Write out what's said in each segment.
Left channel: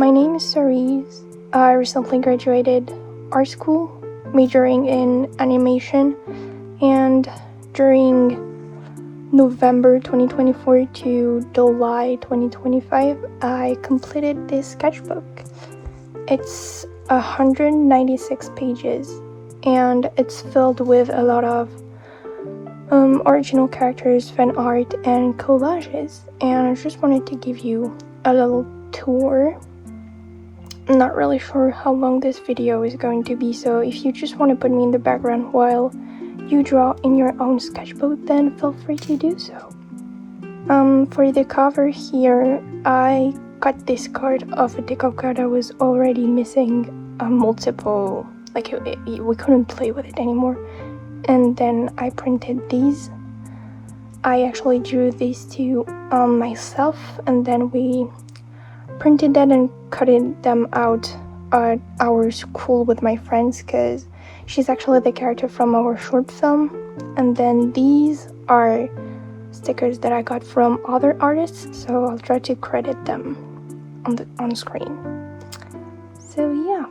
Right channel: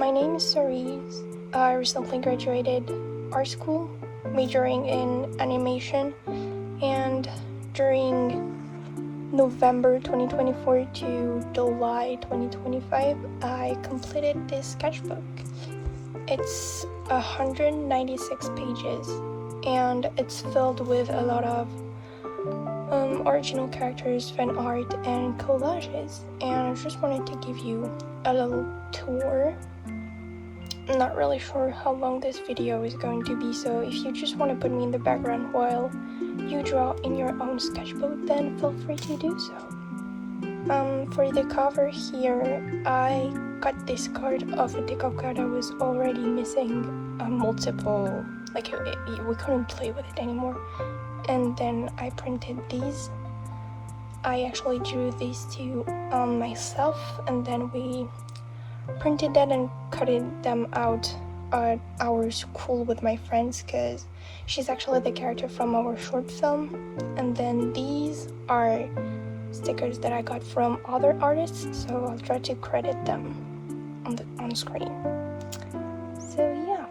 My name is Cerise. I recently graduated art school, majoring in animation, and during November 2024 to July 2025, I completed this sketchbook. It's 196 pages, and it's filled with a lot of original characters, fan art, and collages. And I just wanted to give you a little tour. I'm not really sure how long this video is going to be, so if you just want to put me in the background while you draw in your own sketchbook, then feel free to do so. For the cover here, I cut this card off a deck of cards that was already missing multiple, like we couldn't play with it anymore. And then I printed these. I actually drew these two myself, and then we printed that and cut them out at our school with my friends, because she's actually the character from our short film. And then these are stickers that I got from other artists, so I'll try to credit them on screen. So yeah,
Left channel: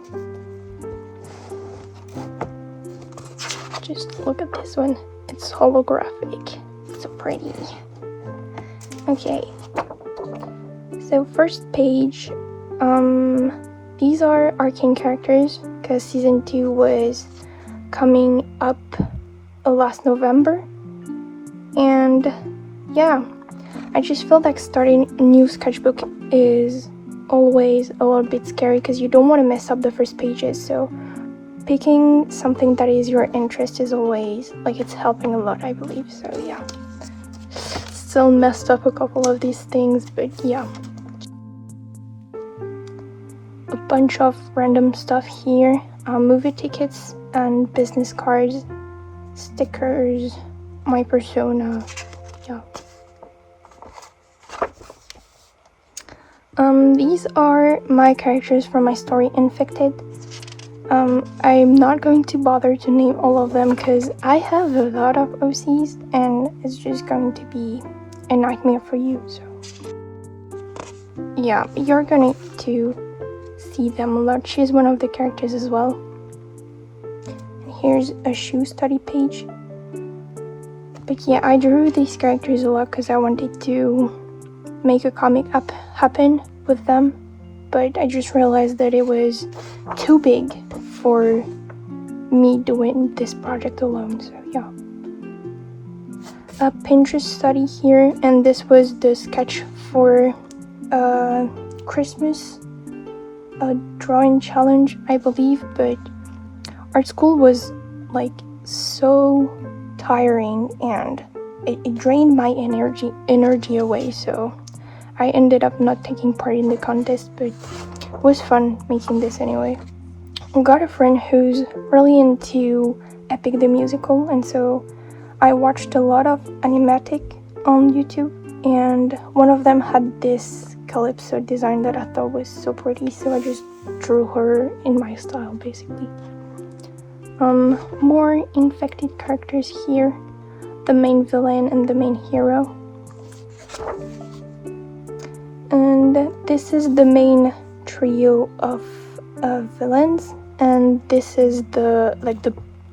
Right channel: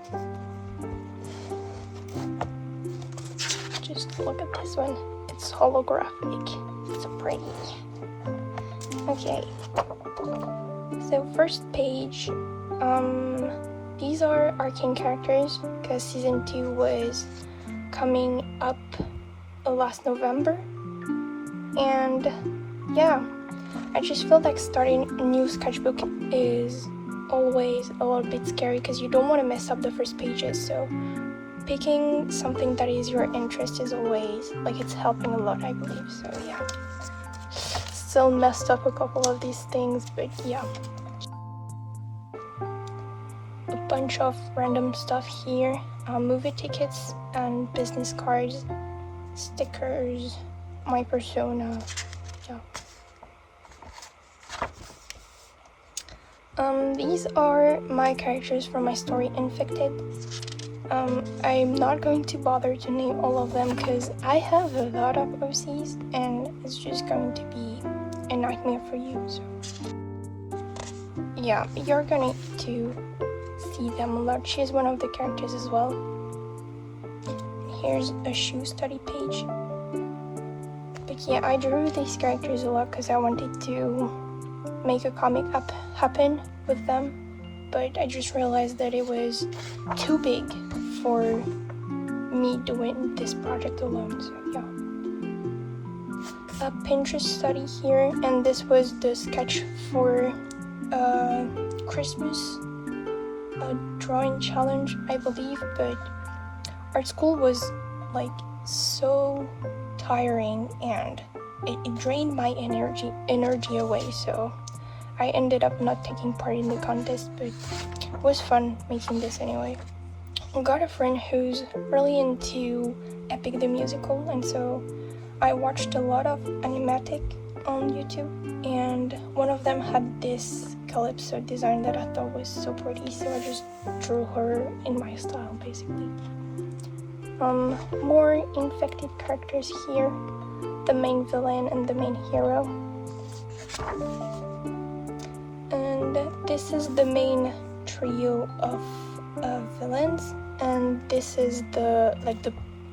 just look at this one. It's holographic. It's so pretty. Okay, so first page, these are arcane characters because season 2 was coming up last November. And yeah, I just feel like starting a new sketchbook is always a little bit scary because you don't want to mess up the first pages. So picking something that is your interest is always, like, it's helping a lot, I believe. So yeah, still messed up a couple of these things, but yeah. A bunch of random stuff here, movie tickets and business cards, stickers, my persona, yeah. These are my characters from my story Infected. I'm not going to bother to name all of them because I have a lot of OCs and it's just going to be a nightmare for you. So yeah, you're going to see them a lot. She's one of the characters as well. Here's a shoe study page. But yeah, I drew these characters a lot because I wanted to make a comic happen with them, but I just realized that it was too big for me doing this project alone, so yeah. A Pinterest study here, and this was the sketch for Christmas, a drawing challenge, I believe, but art school was like so tiring and it drained my energy away, so I ended up not taking part in the contest, but it was fun making this anyway. I got a friend who's really into Epic the Musical, and so I watched a lot of animatic on YouTube, and one of them had this calypso design that I thought was so pretty, so I just drew her in my style basically. More infected characters here, the main villain and the main hero. And this is the main trio of villains, and this is the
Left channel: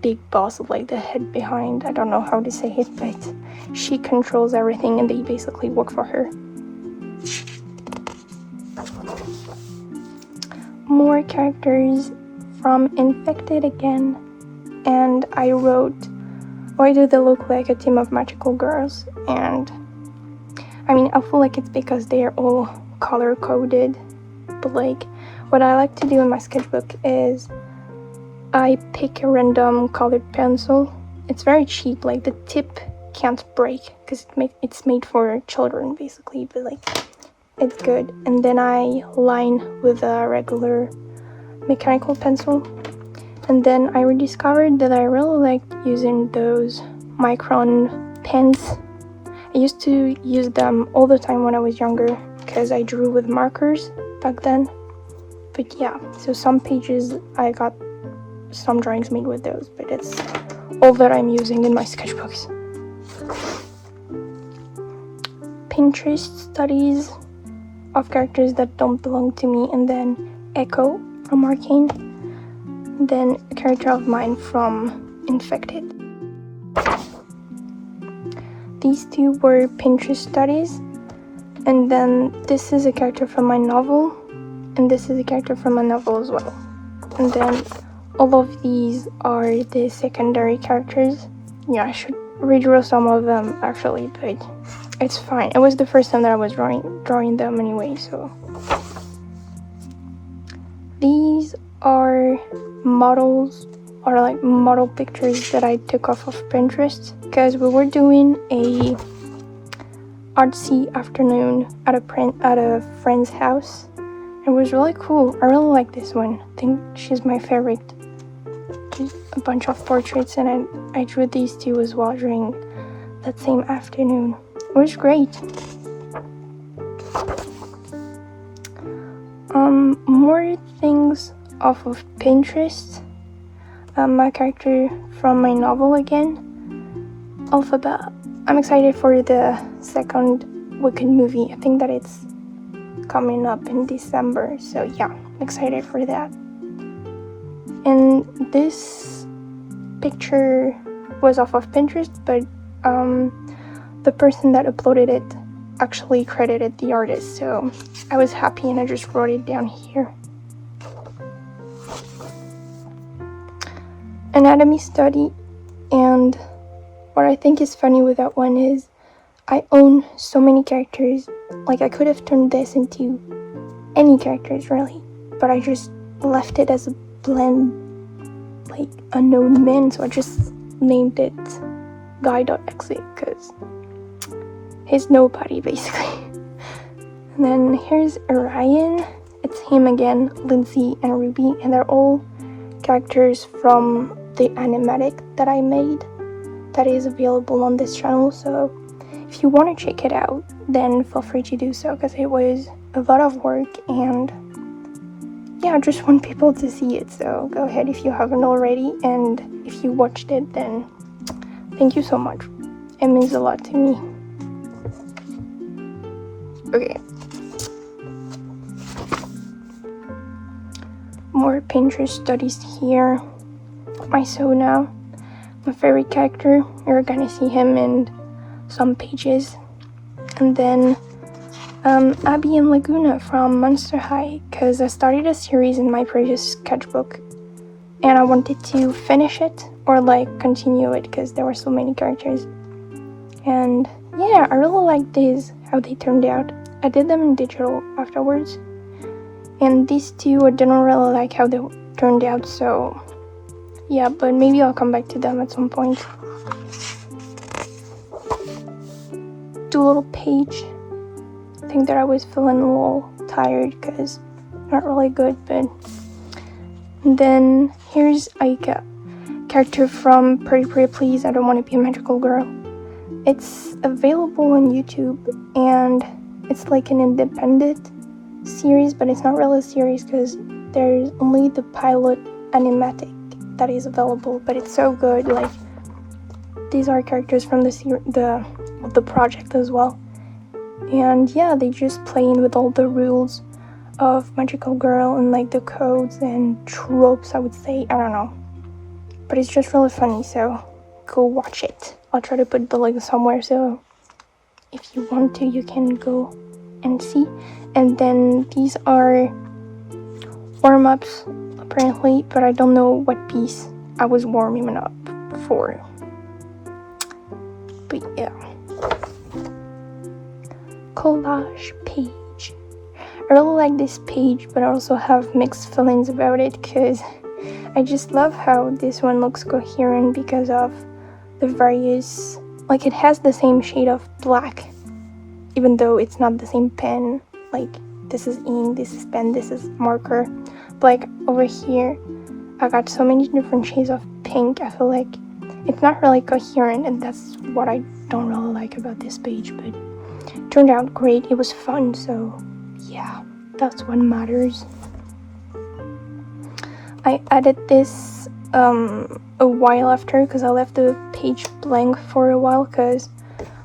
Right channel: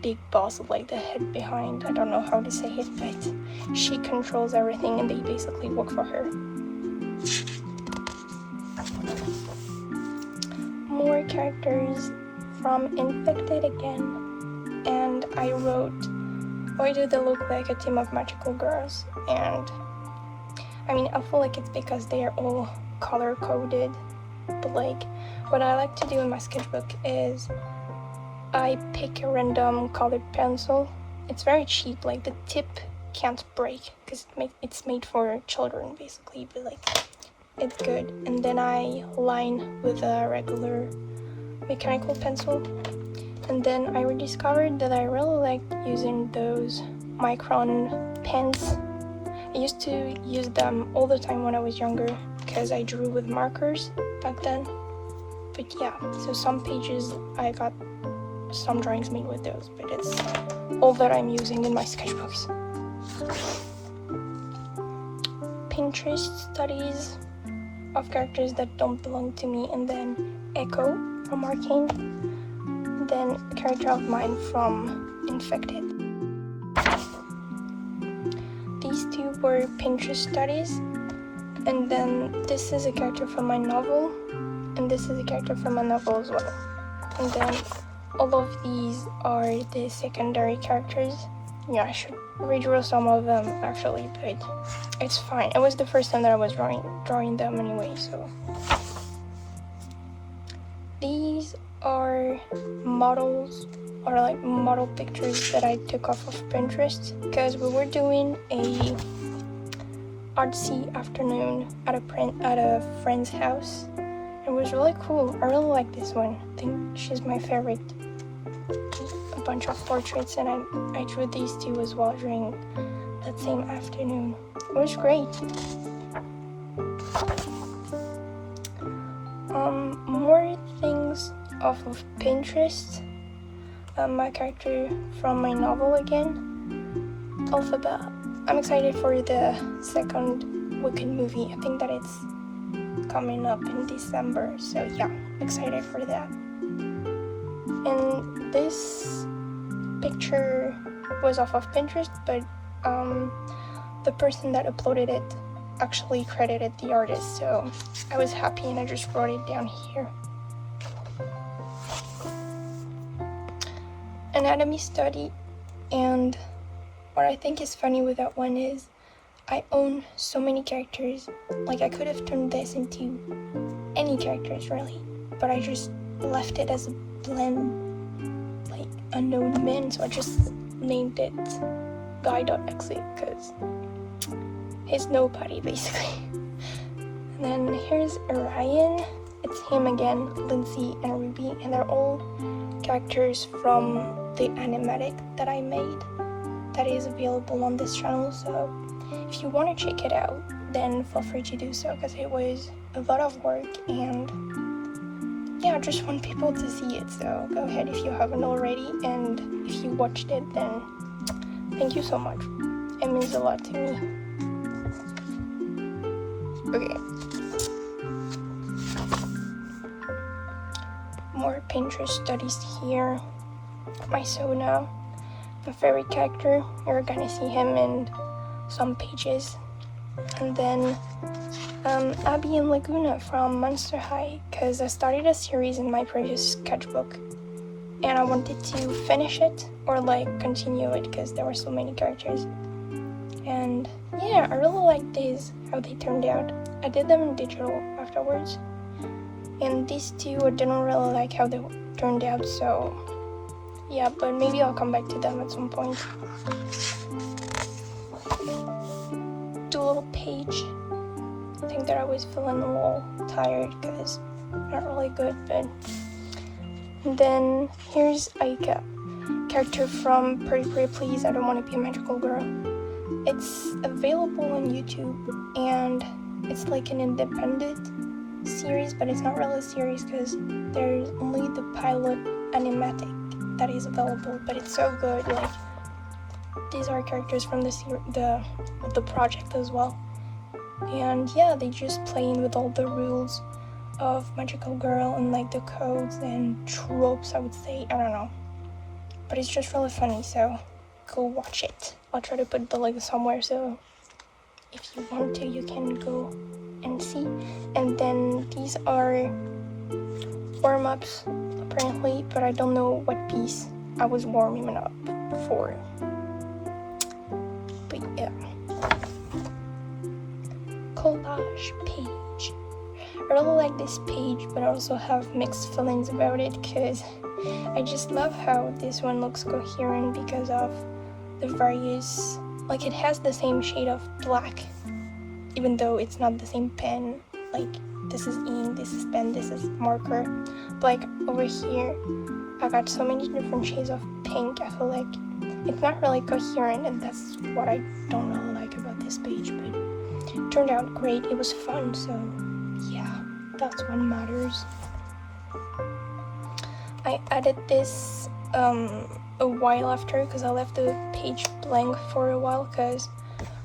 big boss, like the head behind. I don't know how to say it, but she controls everything and they basically work for her. More characters from Infected again. And I wrote, why do they look like a team of magical girls? And I mean, I feel like it's because they're all color coded, but like what I like to do in my sketchbook is I pick a random colored pencil. It's very cheap, like the tip can't break because it's made for children basically, but like it's good. And then I line with a regular mechanical pencil. And then I rediscovered that I really like using those micron pens. I used to use them all the time when I was younger because I drew with markers back then. But yeah, so some pages I got some drawings made with those, but it's all that I'm using in my sketchbooks. Pinterest studies of characters that don't belong to me, and then Echo from Arcane, and then a character of mine from Infected. These two were Pinterest studies, and then this is a character from my novel, and this is a character from my novel as well. And then all of these are the secondary characters. Yeah, I should redraw some of them actually, but it's fine. It was the first time that I was drawing them anyway, so. These are models, or like model pictures that I took off of Pinterest, because we were doing a artsy afternoon at a friend's house. It was really cool. I really like this one. I think she's my favorite. A bunch of portraits, and I drew these two as well during that same afternoon. It was great. More things off of Pinterest. My character from my novel again, Alphabet. I'm excited for the second Wicked movie. I think that it's coming up in December, so yeah, excited for that. And this picture was off of Pinterest, but the person that uploaded it actually credited the artist, so I was happy and I just wrote it down here. Anatomy study, and what I think is funny with that one is I own so many characters. Like, I could have turned this into any characters really, but I just left it as a blend, like unknown men, so I just named it Guy.exe because he's nobody basically. And then here's Orion. It's him again, Lindsay and Ruby, and they're all characters from the animatic that I made that is available on this channel, so if you want to check it out, then feel free to do so, because it was a lot of work, and yeah, I just want people to see it, so go ahead if you haven't already, and if you watched it, then thank you so much. It means a lot to me. Okay. More Pinterest studies here. My Sona, my favorite character. You're gonna see him in some pages. And then Abby and Laguna from Monster High, because I started a series in my previous sketchbook and I wanted to finish it or like continue it because there were so many characters. And yeah, I really like these, how they turned out. I did them in digital afterwards, and these two I didn't really like how they turned out, so yeah, but maybe I'll come back to them at some point. Do a little page. I think that I was feeling a little tired because not really good, but and then here's Aika, character from Pretty Pretty Please, I Don't Want to Be a Magical Girl. It's available on YouTube, and it's like an independent series, but it's not really a series because there's only the pilot animatic that is available, but it's so good. Like, these are characters from the project as well, and yeah, they just play in with all the rules of Magical Girl and like the codes and tropes, I would say. I don't know, but it's just really funny, so go watch it. I'll try to put the link somewhere, so if you want to, you can go and see. And then these are warm-ups apparently, but I don't know what piece I was warming up for. But yeah, collage page. I really like this page, but I also have mixed feelings about it because I just love how this one looks coherent because of the various, like, it has the same shade of black even though it's not the same pen. Like, this is ink, this is pen, this is marker, but like over here I got so many different shades of pink. I feel like it's not really coherent, and that's what I don't really like about this page, but it turned out great. It was fun, so yeah, that's what matters. I added this a while after because I left the page blank for a while, because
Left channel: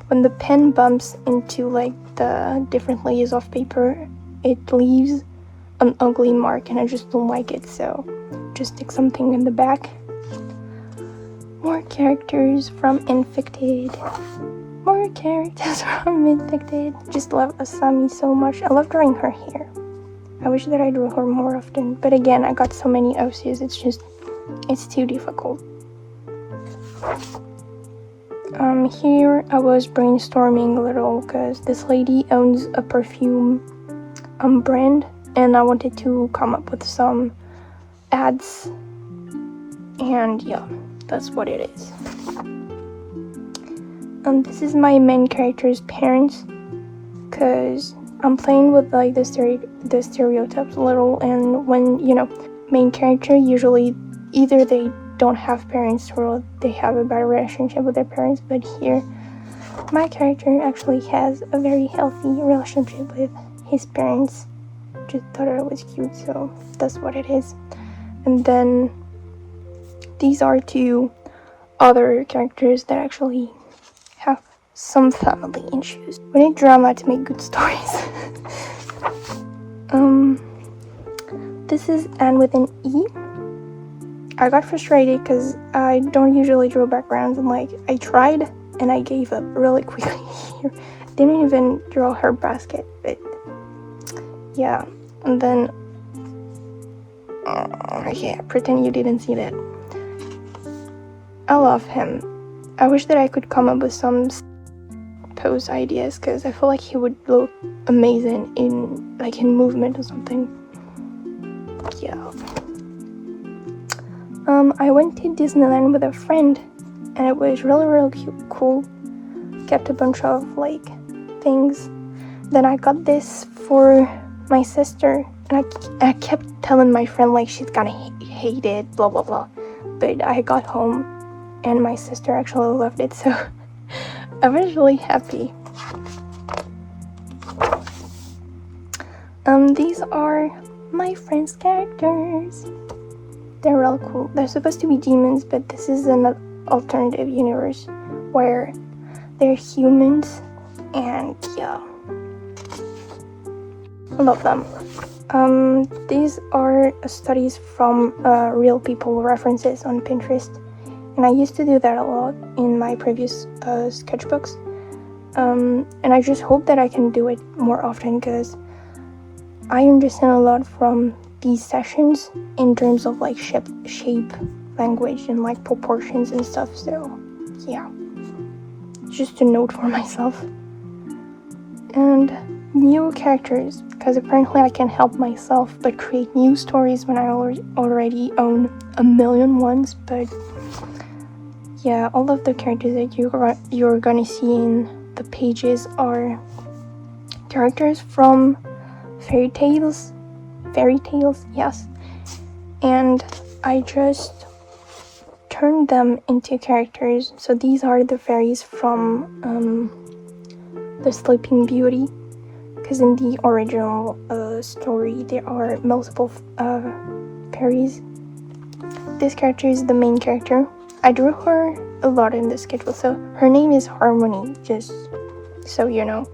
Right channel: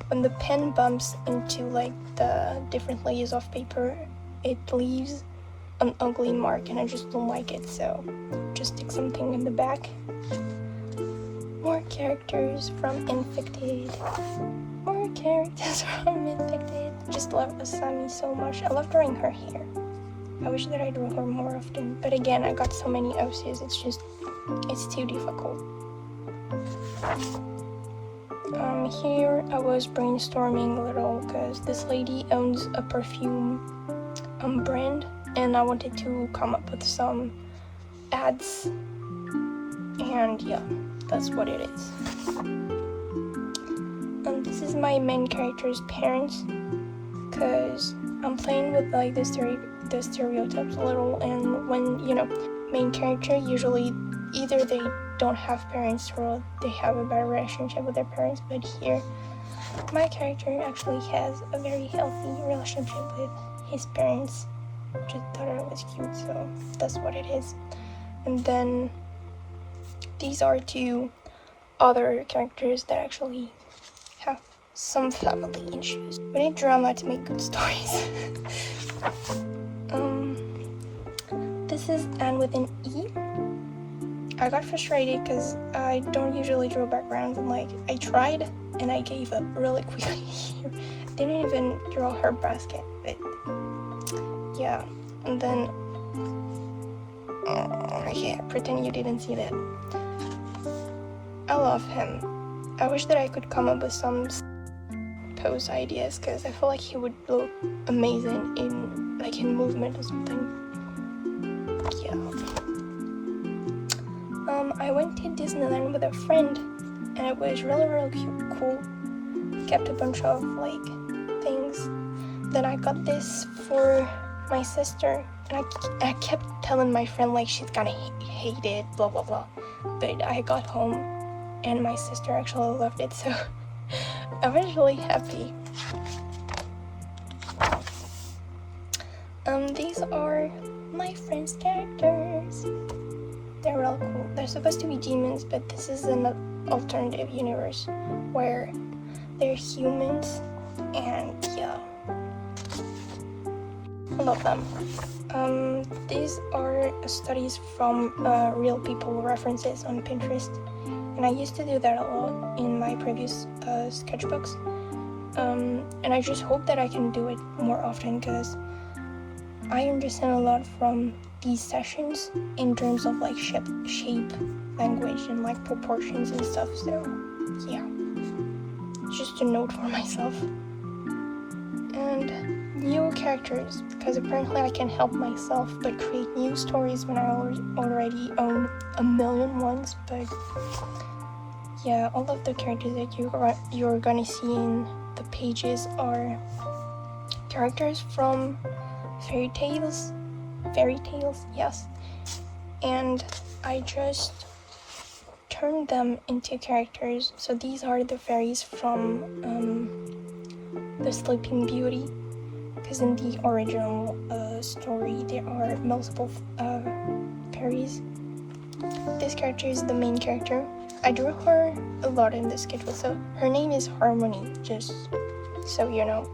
when the pen bumps into like the different layers of paper, it leaves an ugly mark and I just don't like it, so just stick something in the back. More characters from Infected. More characters from Infected. Just love Asami so much. I love drawing her hair. I wish that I drew her more often, but again, I got so many OCs, it's too difficult. Here I was brainstorming a little because this lady owns a perfume brand, and I wanted to come up with some ads, and yeah, that's what it is. This is my main character's parents, because I'm playing with like the stereotypes a little, and when, you know, main character, usually either they don't have parents or they have a bad relationship with their parents, but here my character actually has a very healthy relationship with his parents. Just thought it was cute, so that's what it is. And then these are two other characters that actually have some family issues. We need drama to make good stories. This is Anne with an E. I got frustrated because I don't usually draw backgrounds, and like I tried and I gave up really quickly here. Didn't even draw her basket, but yeah. And then yeah, pretend you didn't see that. I love him. I wish that I could come up with some pose ideas, because I feel like he would look amazing in movement or something. Yeah. I went to Disneyland with a friend, and it was really cool. Kept a bunch of like things. Then I got this for my sister, and I kept telling my friend like she's gonna hate it, blah blah blah. But I got home and my sister actually loved it, so I was really happy. These are my friends' characters. They're real cool. They're supposed to be demons, but this is an alternative universe where they're humans, and yeah, I love them. These are studies from real people references on Pinterest, and I used to do that a lot in my previous sketchbooks, and I just hope that I can do it more often, because I understand a lot from these sessions in terms of like shape, language, and like proportions and stuff, so yeah, just a note for myself. And new characters, because apparently I can help myself but create new stories when I already own a million ones. But yeah, all of the characters that you're gonna see in the pages are characters from fairy tales, yes, and I just turned them into characters. So these are the fairies from the Sleeping Beauty, because in the original story there are multiple fairies. This character is the main character. I drew her a lot in the schedule, so her name is Harmony, just so you know.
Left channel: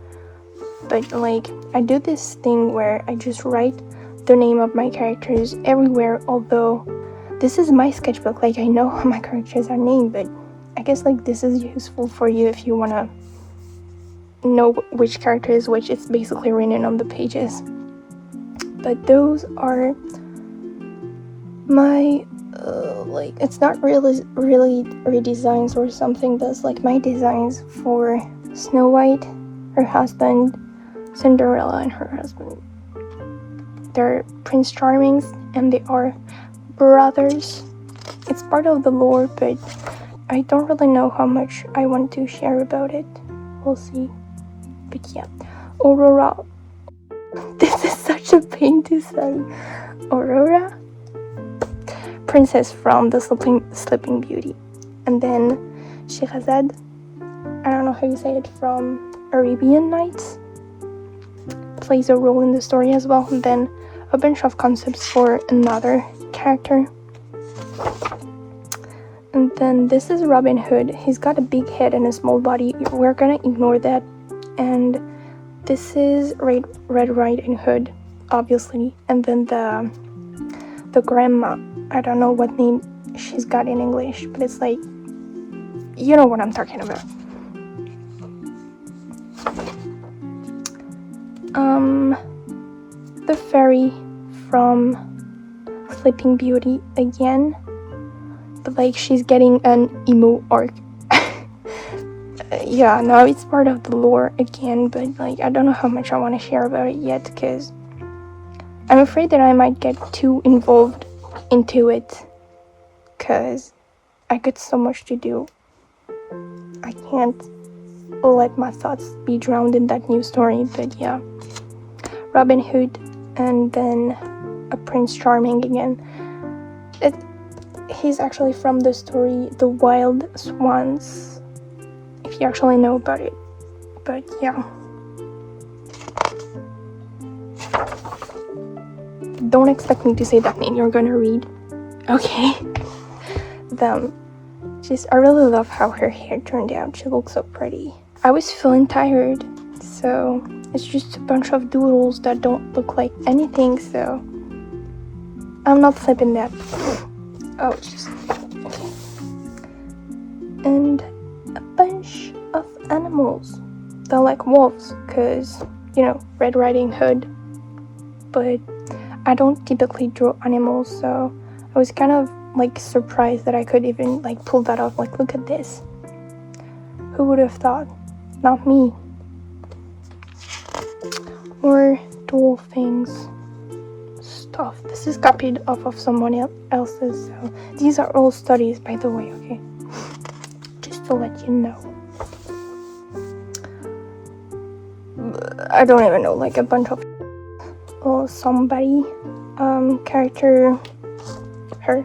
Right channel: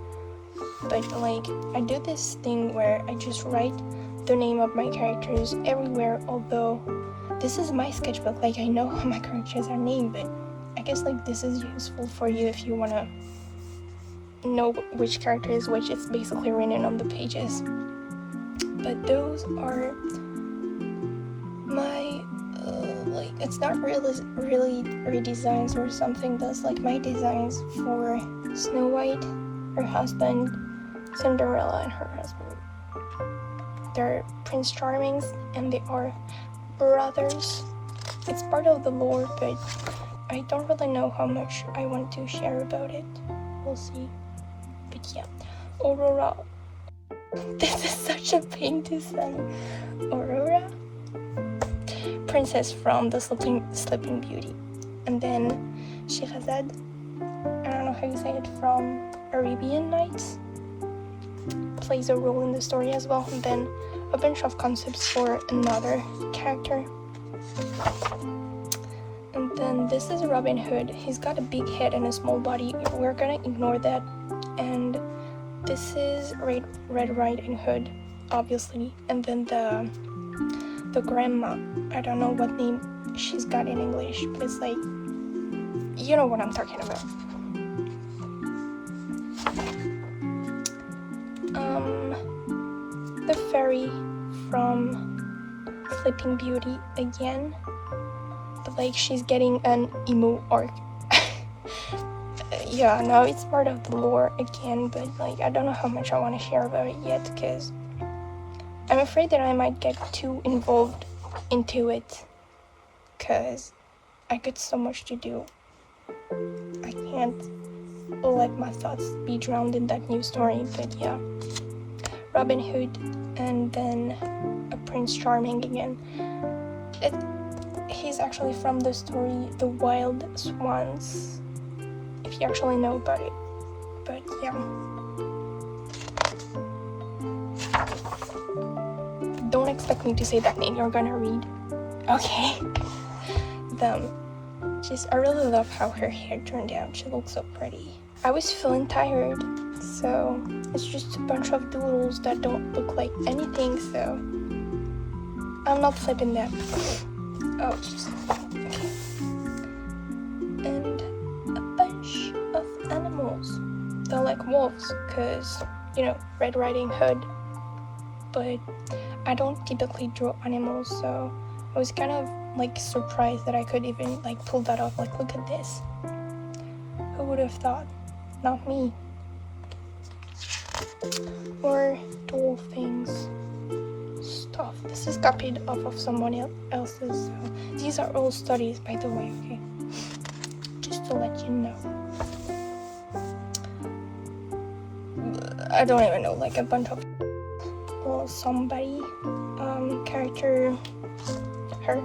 But like, I do this thing where I just write the name of my characters everywhere, although this is my sketchbook, like I know how my characters are named, but I guess like this is useful for you if you wanna know which character is which. It's basically written on the pages. But those are my like, it's not really redesigns or something, but it's like my designs for Snow White, her husband, Cinderella, and her husband. They're Prince Charmings, and they are brothers. It's part of the lore, but I don't really know how much I want to share about it. We'll see. But yeah, Aurora. This is such a pain to say. Aurora, princess from the Sleeping Beauty. And then Sherazade, I don't know how you say it, from Arabian Nights, plays a role in the story as well. And then a bunch of concepts for another character. And then this is Robin Hood. He's got a big head and a small body. We're gonna ignore that. And this is Red Riding Hood. obviously, and then the grandma. I don't know what name she's got in English, but it's like, you know what I'm talking about. The fairy from Sleeping Beauty again, but like she's getting an emo arc. Yeah, no, it's part of the lore again, but like I don't know how much I want to share about it yet, because I'm afraid that I might get too involved into it, because I got so much to do. I can't let my thoughts be drowned in that new story. But yeah, Robin Hood, and then a Prince Charming again. He's actually from the story The Wild Swans, if you actually know about it. But yeah, don't expect me to say that name you're gonna read, okay? I really love how her hair turned out. She looks so pretty. I was feeling tired, so it's just a bunch of doodles that don't look like anything, so I'm not flipping that. Oh, it's just okay. And a bunch of animals. They're like wolves, because, you know, Red Riding Hood. But I don't typically draw animals, so I was kind of like surprised that I could even like pull that off. Like, look at this. Who would have thought? Not me. Or doll things. Stuff. This is copied off of someone else's, so these are all studies, by the way, okay? Just to let you know. I don't even know, like a bunch of somebody character, her.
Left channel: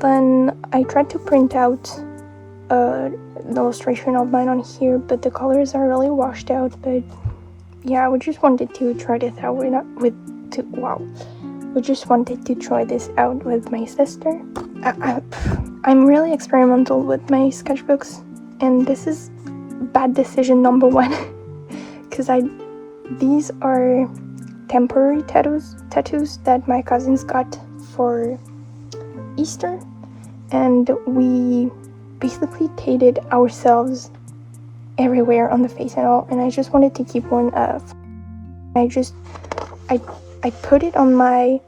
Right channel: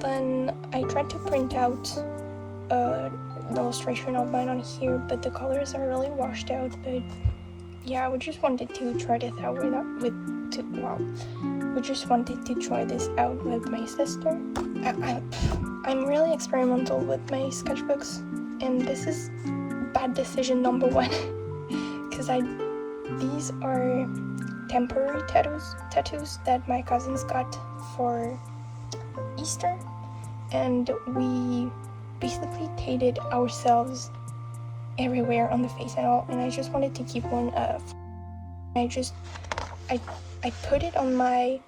Then I tried to print out an illustration of mine on here, but the colors are really washed out. But yeah, we just wanted to try this out we just wanted to try this out with my sister. I'm really experimental with my sketchbooks, and this is bad decision number one, because these are temporary tattoos that my cousins got for Easter, and we basically painted ourselves everywhere on the face and all, and I just wanted to keep one of. I put it on my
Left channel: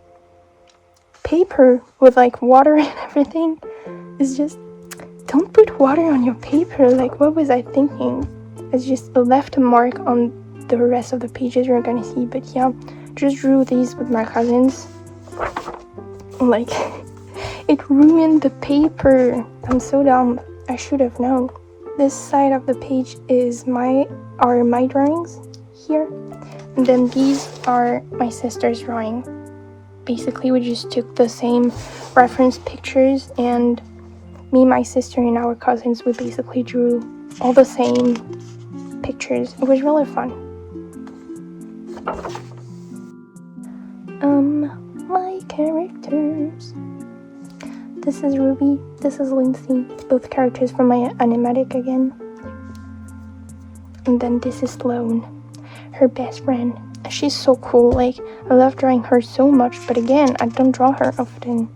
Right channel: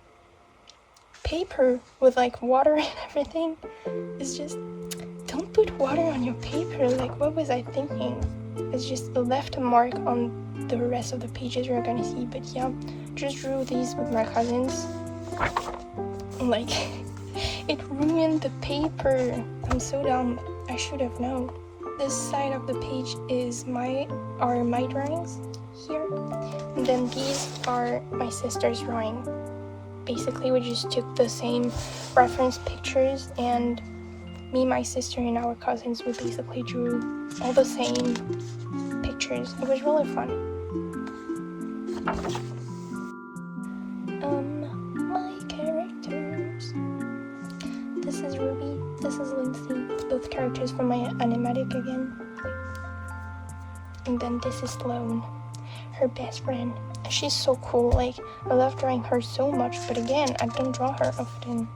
paper with like water and everything. It's just, don't put water on your paper. Like, what was I thinking? It's just left a mark on the rest of the pages you're gonna see. But yeah, just drew these with my cousins. Like, it ruined the paper. I'm so dumb. I should have known. This side of the page are my drawings here, and then these are my sister's drawing. Basically, we just took the same reference pictures, and me, my sister, and our cousins, we basically drew all the same pictures. It was really fun. My characters. This is Ruby, this is Lindsay, both characters from my animatic again. And then this is Sloane, her best friend. She's so cool, like, I love drawing her so much, but again, I don't draw her often.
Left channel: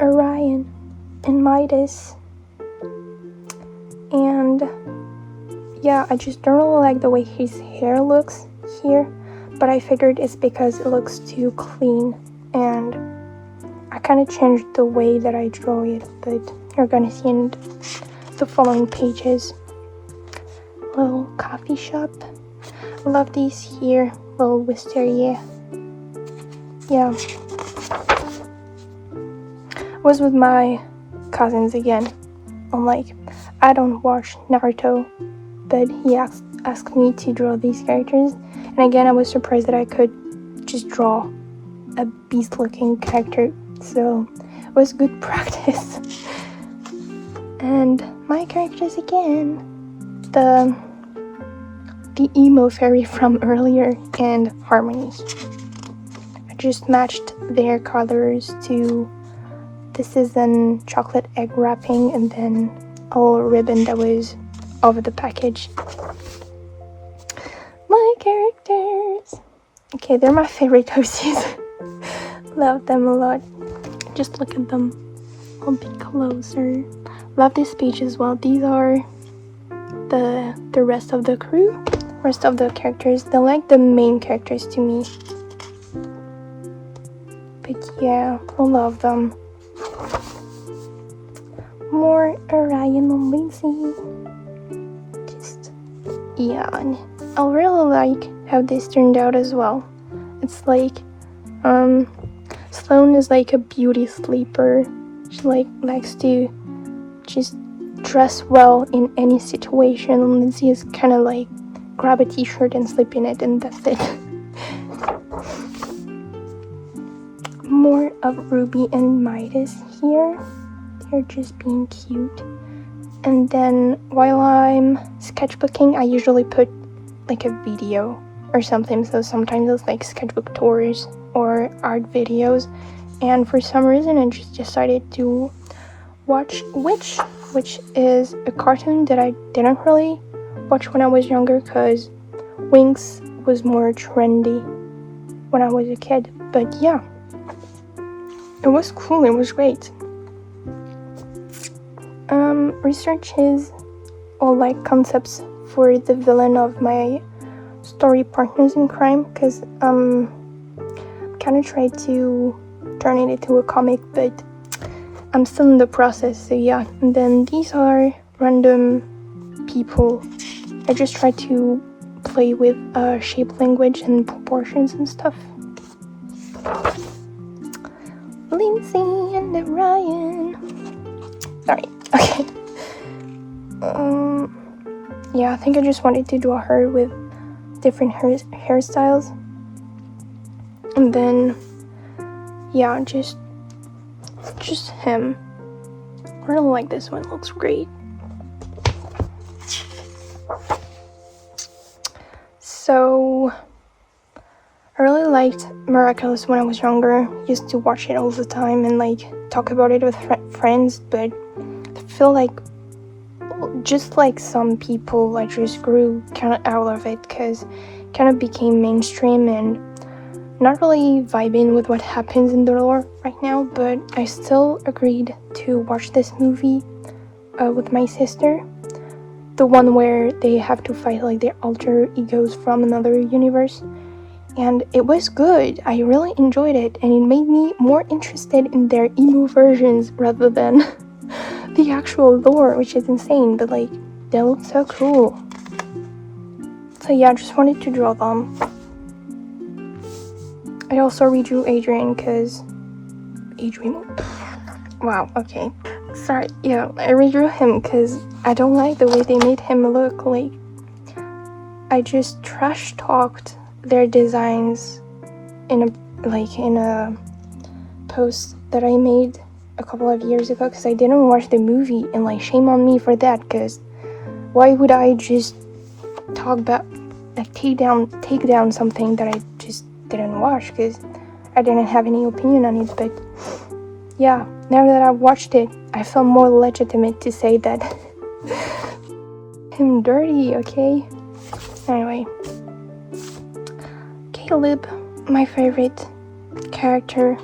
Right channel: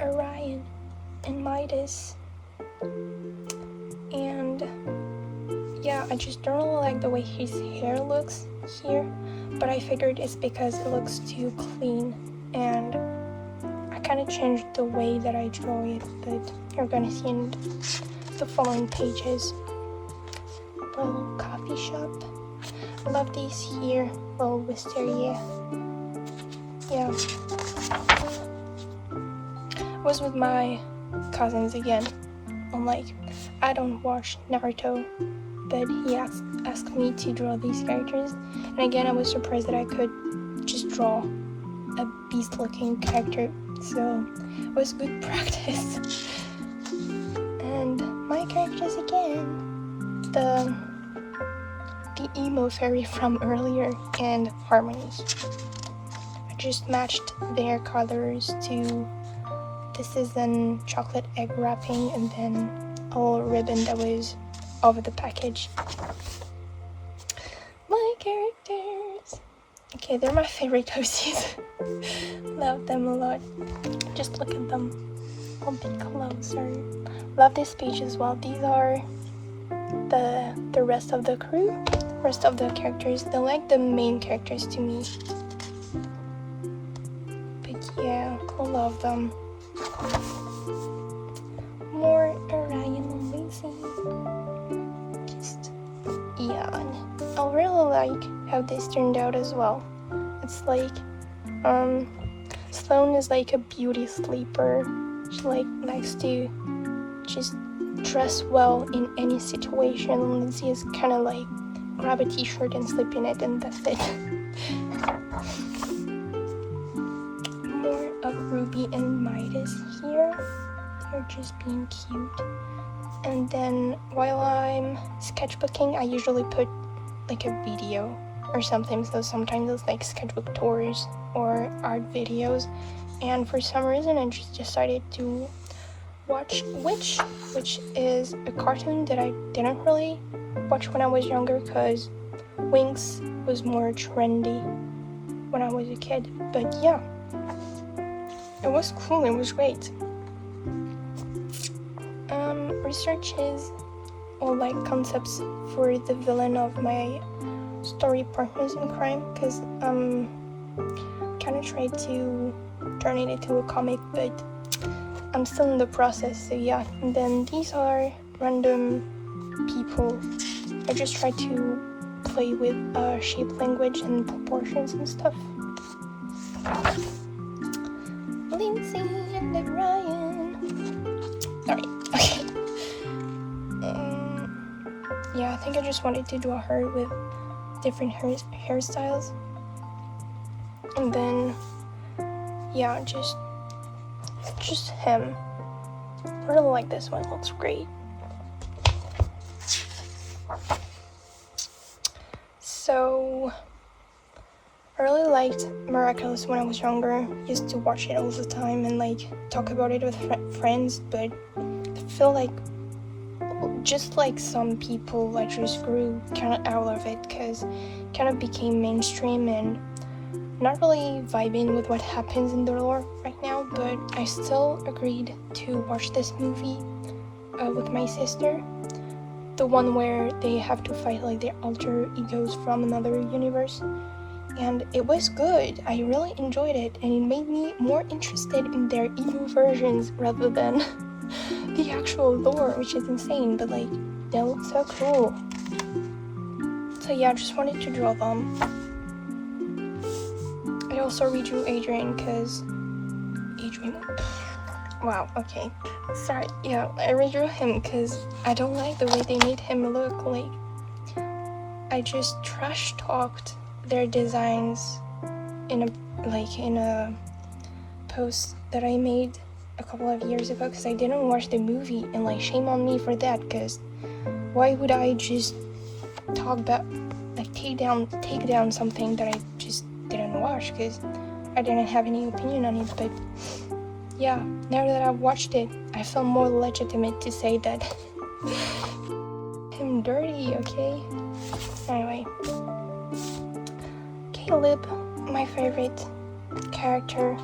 Orion and Midas. And yeah, I just don't really like the way his hair looks here, but I figured it's because it looks too clean, and I kind of changed the way that I draw it, but you're gonna see in the following pages. Little coffee shop. I love these here. Little wisteria. Yeah. I was with my cousins again. I'm like, I don't watch Naruto, but he asked me to draw these characters, and again I was surprised that I could just draw a beast looking character, so it was good practice. And my characters again, the emo fairy from earlier, and Harmony. I just matched their colors to, this is an chocolate egg wrapping, and then a little ribbon that was over the package. characters. Okay, they're my favorite cozies. Love them a lot. Just look at them a bit closer. Love this page as well. These are the rest of the crew, rest of the characters. They're like the main characters to me. But yeah, I love them. More Orion and Lacey. Just yeah, and I really like how this turned out as well. It's like Sloane is like a beauty sleeper. She like likes to just dress well in any situation, and Lindsay is kind of like grab a t-shirt and sleep in it, and that's it. More of Ruby and Midas here. They're just being cute. And then while I'm sketchbooking, I usually put like a video or something. So sometimes it's like sketchbook tours or art videos. And for some reason, I just decided to watch Witch, which is a cartoon that I didn't really watch when I was younger because Winx was more trendy when I was a kid. But yeah, it was cool, it was great. Researches or like concepts for the villain of my story partners in crime, because kind of tried to turn it into a comic, but I'm still in the process, so yeah. And then these are random people. I just try to play with shape language and proportions and stuff. Lindsay and Ryan. Sorry. Okay. Yeah, I think I just wanted to draw her with different hairstyles. And then, yeah, just him. I really like this one, it looks great. So, I really liked Miraculous when I was younger. Used to watch it all the time and like talk about it with friends, but I feel like just like some people, I just grew kind of out of it because it kind of became mainstream and not really vibing with what happens in the lore right now. But I still agreed to watch this movie with my sister, the one where they have to fight like their alter egos from another universe, and it was good. I really enjoyed it, and it made me more interested in their emo versions rather than the actual lore, which is insane, but like they look so cool. So yeah, I just wanted to draw them. I also redrew Adrian because wow, okay, sorry. Yeah, I redrew him because I don't like the way they made him look. Like, I just trash talked their designs in a post that I made a couple of years ago because I didn't watch the movie, and like shame on me for that, because why would I just talk about like take down something that I just didn't watch because I didn't have any opinion on it. But yeah, now that I've watched it, I feel more legitimate to say that I'm dirty, okay? Anyway, Caleb, my favorite character.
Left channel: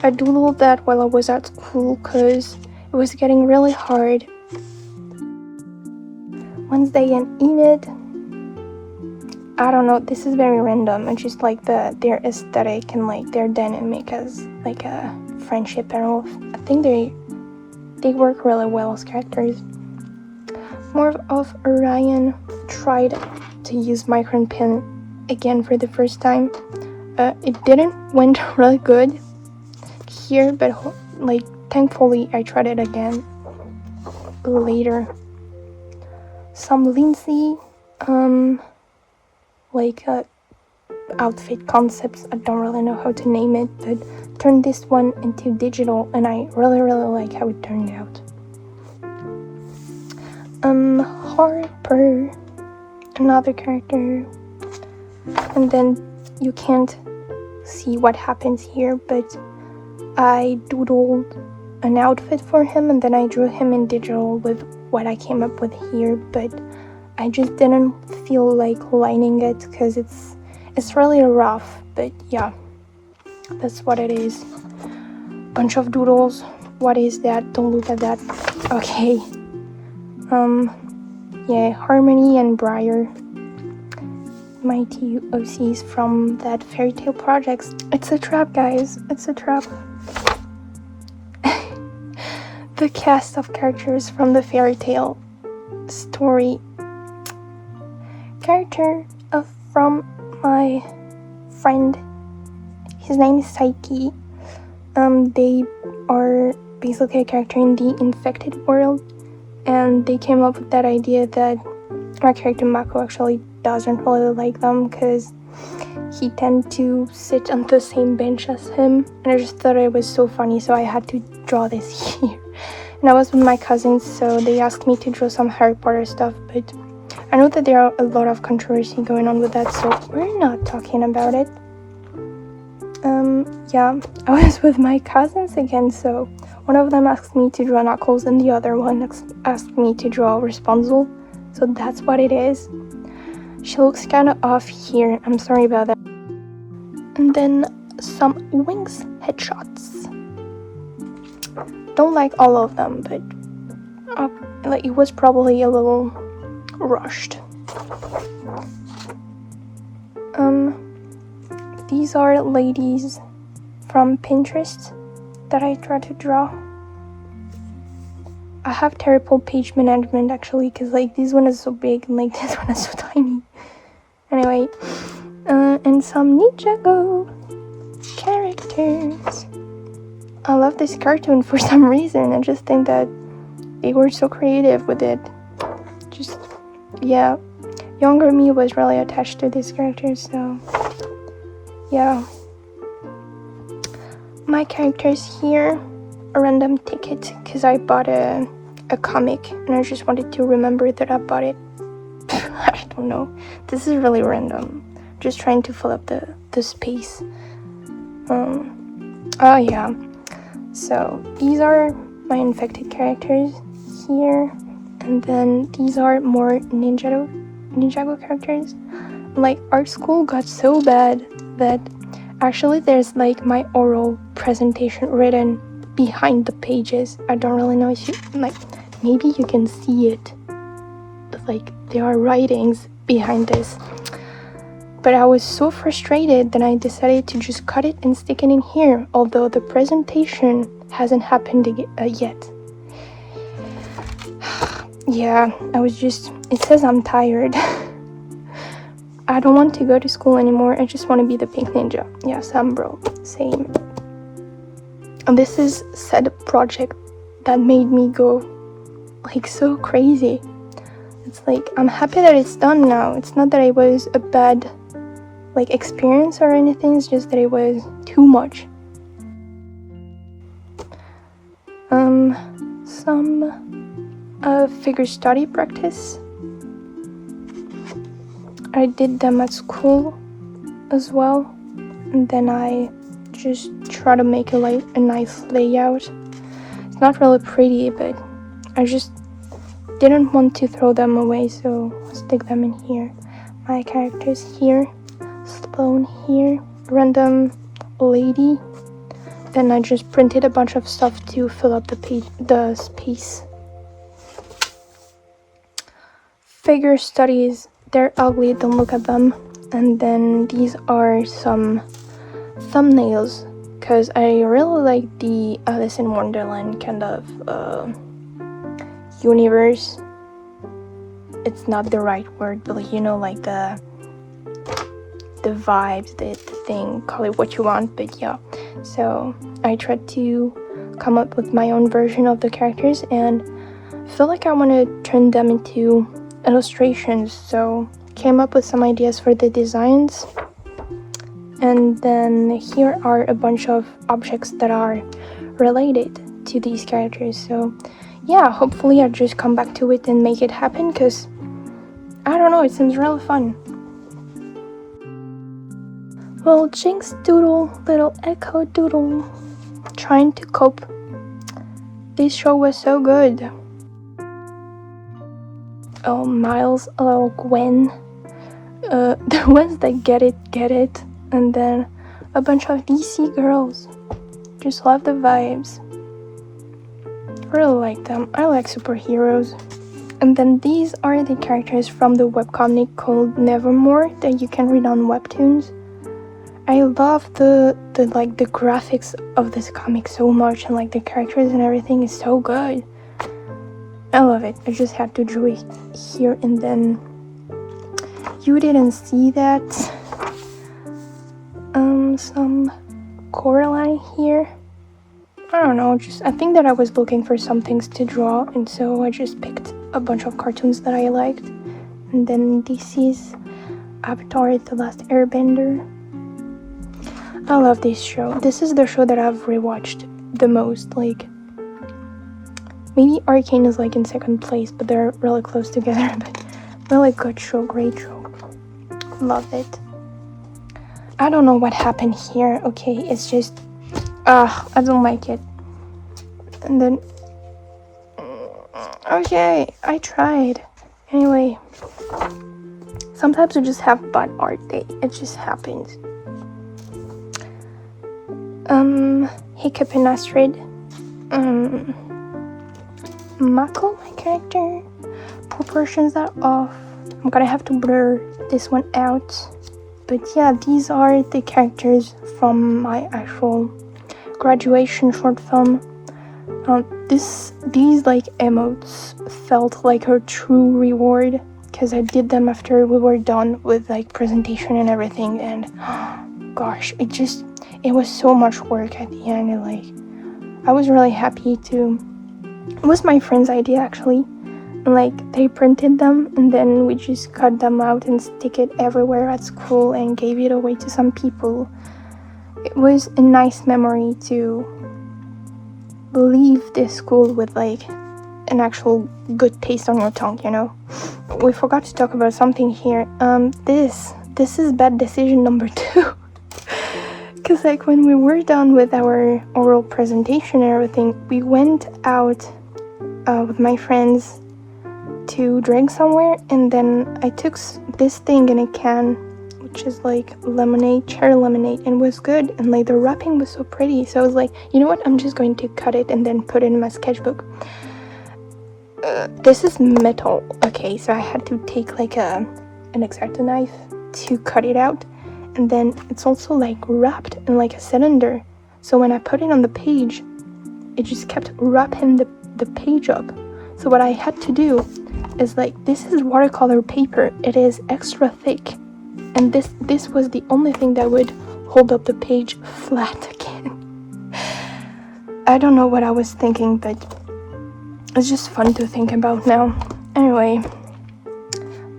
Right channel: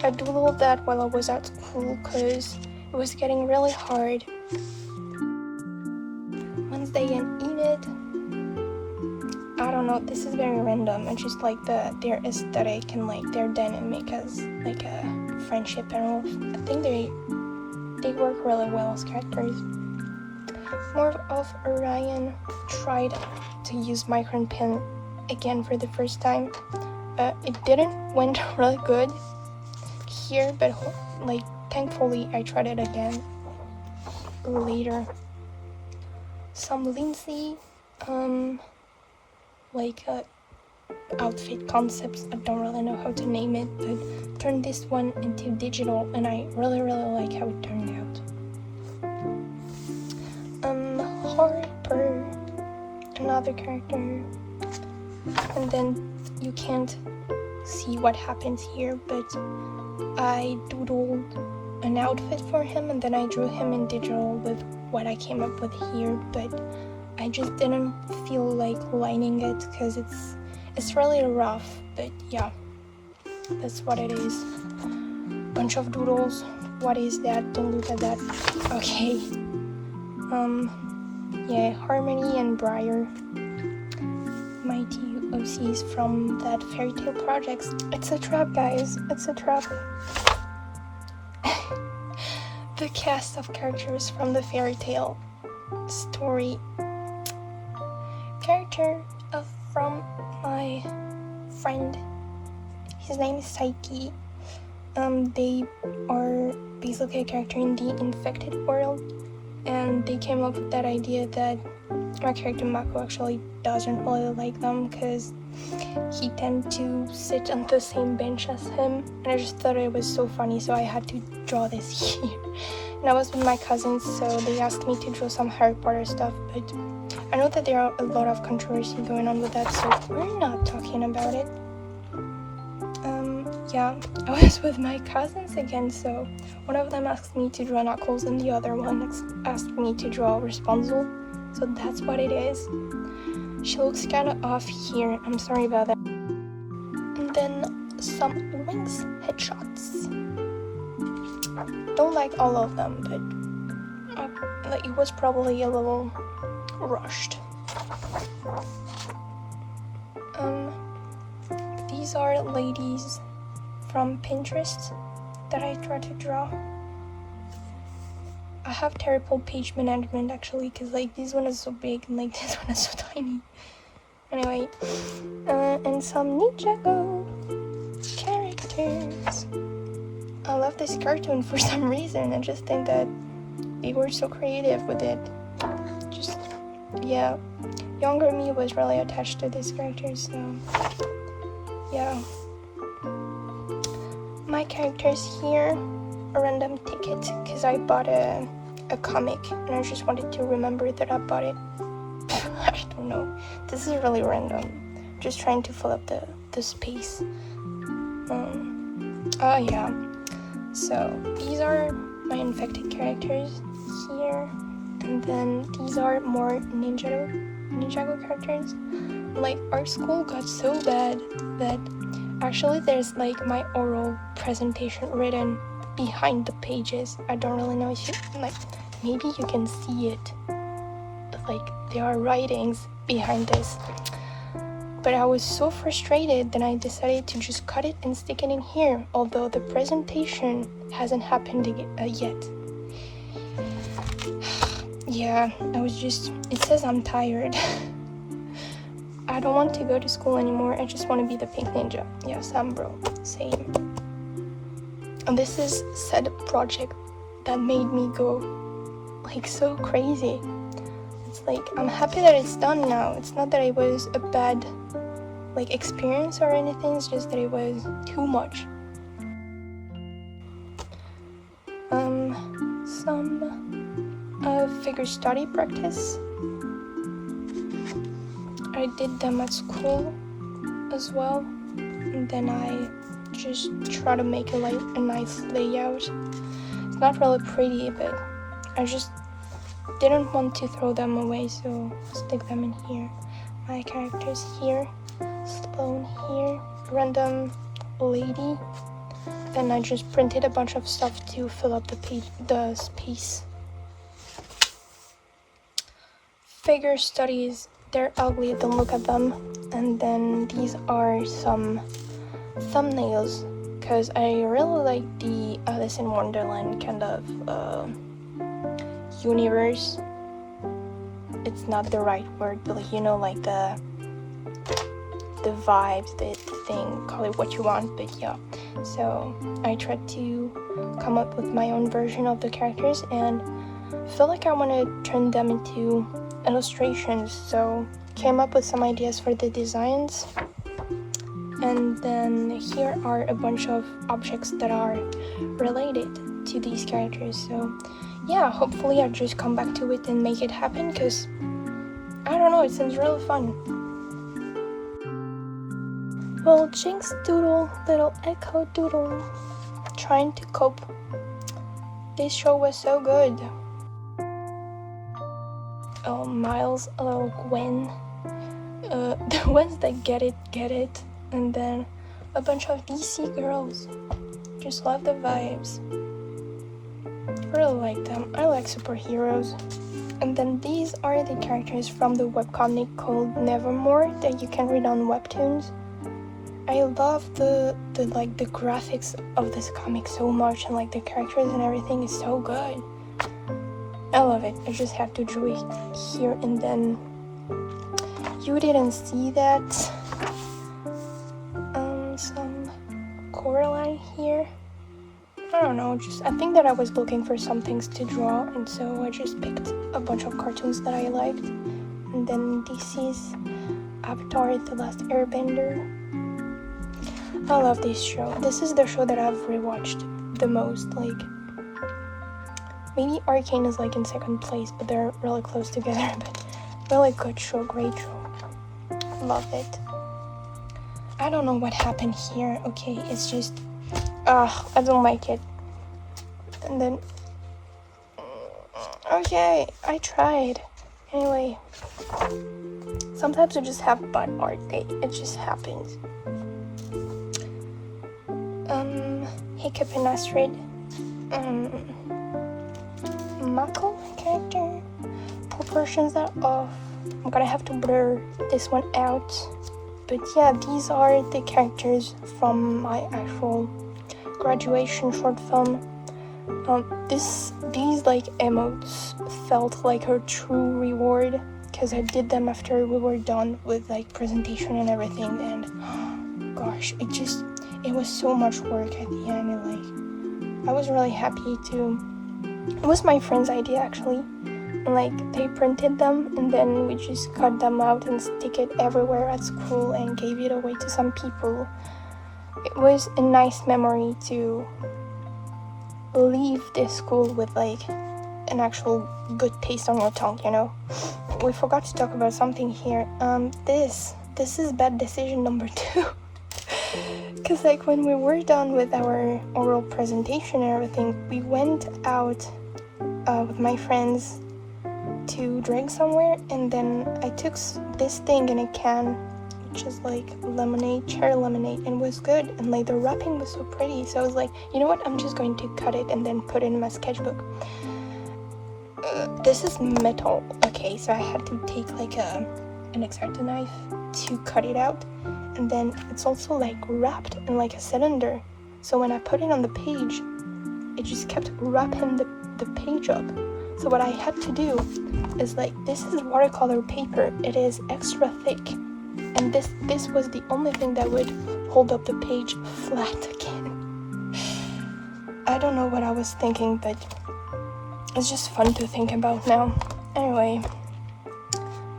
I doodled that while I was at school because it was getting really hard. Wednesday and Enid. I don't know, this is very random. It's just like their aesthetic and like their dynamic as like a friendship and all. I think they work really well as characters. More of Orion. Tried to use micron pen again for the first time. It didn't went really good here, but like thankfully I tried it again later. Some Lindsay outfit concepts. I don't really know how to name it, but turned this one into digital, and I really like how it turned out. Harper, another character, and then you can't see what happens here, but I doodled an outfit for him, and then I drew him in digital with what I came up with here. But I just didn't feel like lining it because it's really rough, but yeah, that's what it is. Bunch of doodles. What is that? Don't look at that. Okay. Yeah, Harmony and Briar, my two OCs from that fairy tale projects. It's a trap, guys. It's a trap. The cast of characters from the fairy tale story. Character from my friend. His name is Saiki. They are basically a character in the infected world, and they came up with that idea that our character Mako actually doesn't really like them because he tends to sit on the same bench as him, and I just thought it was so funny, so I had to draw this here. And I was with my cousins, so they asked me to draw some Harry Potter stuff, but I know that there are a lot of controversy going on with that, so we're not talking about it. Yeah, I was with my cousins again, so one of them asked me to draw Knuckles and the other one asked me to draw Rapunzel, so that's what it is. She looks kind of off here, I'm sorry about that. And then some wings headshots. Don't like all of them, but like it was probably a little rushed. These are ladies from Pinterest that I try to draw. I have terrible page management actually, because like this one is so big and like this one is so tiny. Anyway, and some Ninjago characters. I love this cartoon for some reason. I just think that they were so creative with it. Just, yeah, younger me was really attached to these characters, so yeah. My characters here, a random ticket, because I bought a comic and I just wanted to remember that I bought it. I don't know, this is really random, just trying to fill up the space. Oh yeah, so these are my infected characters here, and then these are more Ninjago characters. Like art school got so bad that actually there's like my oral presentation written behind the pages. I don't really know if you, like, maybe you can see it, but like there are writings behind this. But I was so frustrated that I decided to just cut it and stick it in here, although the presentation hasn't happened yet. Yeah, it says I'm tired. I don't want to go to school anymore. I just want to be the pink ninja. Yeah, Sam bro, same. And this is said project that made me go like so crazy. It's like, I'm happy that it's done now. It's not that it was a bad like experience or anything, it's just that it was too much. Some figure study practice. I did them at school as well, and then I just try to make it like a nice layout. It's not really pretty, but I just didn't want to throw them away, so stick them in here. My characters here, Sloane here, random lady, and I just printed a bunch of stuff to fill up the space. Figure studies, they're ugly, don't look at them. And then these are some thumbnails, because I really like the Alice in Wonderland kind of universe. It's not the right word, but like, you know, like the vibes, the thing, call it what you want, but yeah. So I tried to come up with my own version of the characters, and I feel like I want to turn them into illustrations, so came up with some ideas for the designs. And then here are a bunch of objects that are related to these characters, so yeah, hopefully I'll just come back to it and make it happen, because I don't know, it seems really fun. Well, Jinx doodle, little echo doodle, trying to cope. This show was so good. Miles, Gwen, the ones that get it, and then a bunch of DC girls. Just love the vibes. Really like them. I like superheroes. And then these are the characters from the webcomic called Nevermore that you can read on Webtoons. I love the graphics of this comic so much, and like the characters and everything is so good. I love it. I just had to draw it here, and then you didn't see that. Some Coraline here. I don't know, I think that I was looking for some things to draw, and so I just picked a bunch of cartoons that I liked. And then DC's Avatar: The Last Airbender. I love this show. This is the show that I've rewatched the most. Like, maybe Arcane is like in second place, but they're really close together. But really good show, great show. Love it. I don't know what happened here. Okay, it's just I don't like it. And then okay, I tried. Anyway, sometimes I just have bad art day. It just happens. Hiccup and Astrid. Mako, my character. Proportions are off. I'm gonna have to blur this one out. But yeah, these are the characters from my actual graduation short film. These like emotes felt like a true reward, because I did them after we were done with like presentation and everything, and gosh, it was so much work at the end, and like I was really happy to. It was my friend's idea actually. Like, they printed them and then we just cut them out and stick it everywhere at school and gave it away to some people. It was a nice memory to leave this school with like an actual good taste on your tongue, you know. We forgot to talk about something here. This is bad decision number 2. Because like when we were done with our oral presentation and everything, we went out with my friends to drink somewhere, and then I took this thing in a can, which is like lemonade, cherry lemonade, and it was good, and like the wrapping was so pretty, so I was like, you know what, I'm just going to cut it and then put it in my sketchbook. This is metal, okay, so I had to take like an X-Acto knife to cut it out, and then it's also like wrapped in like a cylinder, so when I put it on the page, it just kept wrapping the page up. So what I had to do is like, this is watercolor paper, it is extra thick, and this was the only thing that would hold up the page flat again. I don't know what I was thinking, but it's just fun to think about now. Anyway,